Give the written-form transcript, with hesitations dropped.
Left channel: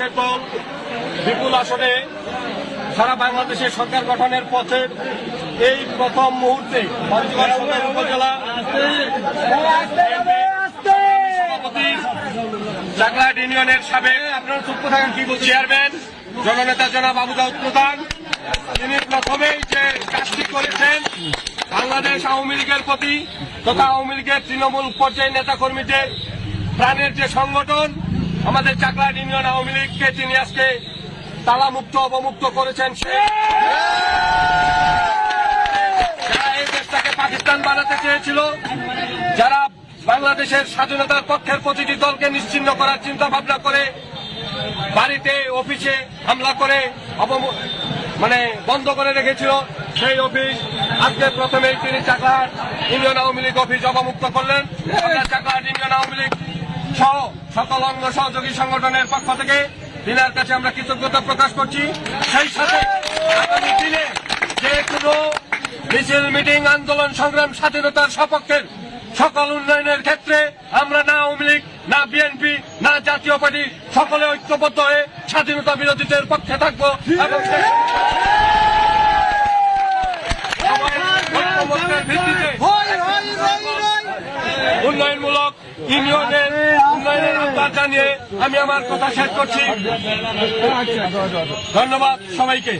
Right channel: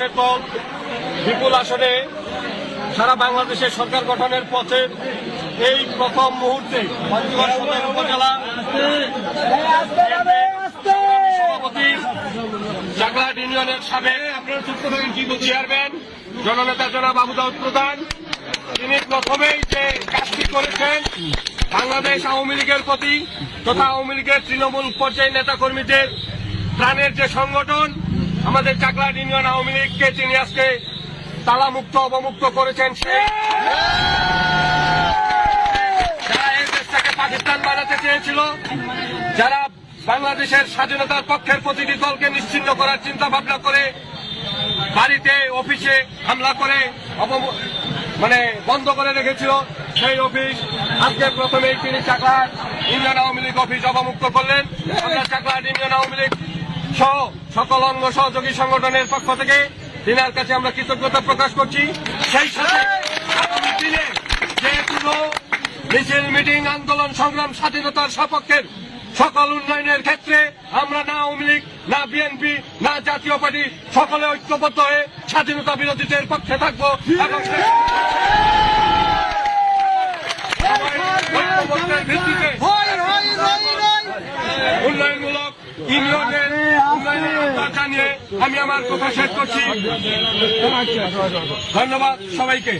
কেবল বিপুল আসনে সারা বাংলাদেশের সরকার গঠনের পথে এই প্রথম মুহূর্তে উপজেলা সভাপতি চাকলাহাট ইউনিয়নের সাবেক আপনারা চুক্ত থাকেন কি বলছি চেয়ারম্যান জননেতা জনাব আবু দাউদ প্রধান, তিনি প্রথমেই যে কাজটি করেছেন বাংলাদেশ আওয়ামী লীগের প্রতি তথা আওয়ামী লীগের তৃণমূল পর্যায়ের নেতা কর্মীদের প্রাণের যে সংগঠন আমাদের চাকলাহাট ইউনিয়ন আওয়ামী লীগকে তিনি আজকে তালামুক্ত অবমুক্ত করেছেন। যারা এই দেশটাকে পাকিস্তান বানাতে চেয়েছিল, যারা বাংলাদেশের স্বাধীনতার পক্ষের প্রতিটি দলকে নিশ্চিহ্ন করার চিন্তা ভাবনা করে বাড়িতে অফিসে হামলা করে বন্ধ করে রেখেছিল, সেই অফিস আজকে প্রথমেই তিনি চাকলাহাট ইউনিয়ন আওয়ামী লীগ অফিস অবমুক্ত করলেন। চাকলাহাট ইউনিয়ন আওয়ামী লীগ সহ সকল অঙ্গ সহযোগী সংগঠনের পক্ষ থেকে তিনার কাছে আমরা কৃতজ্ঞতা প্রকাশ করছি। সেই সাথে আগামী দিনে যে কোনো মিছিল মিটিং আন্দোলন সংগ্রাম স্বাধীনতার সপক্ষের সকল উন্নয়নের ক্ষেত্রে আমরা না আওয়ামী লীগ না বিএনপি না জাতীয় পার্টি সকলে ঐক্যবদ্ধ হয়ে স্বাধীনতা বিরোধীদের পক্ষে থাকবো এবং ঐক্যবদ্ধের ভিত্তিতে উন্নয়নমূলক ইউনিয়নের উন্নয়নের আহ্বান জানিয়ে আমি আমার কথা শেষ করছি। ধন্যবাদ সবাইকে।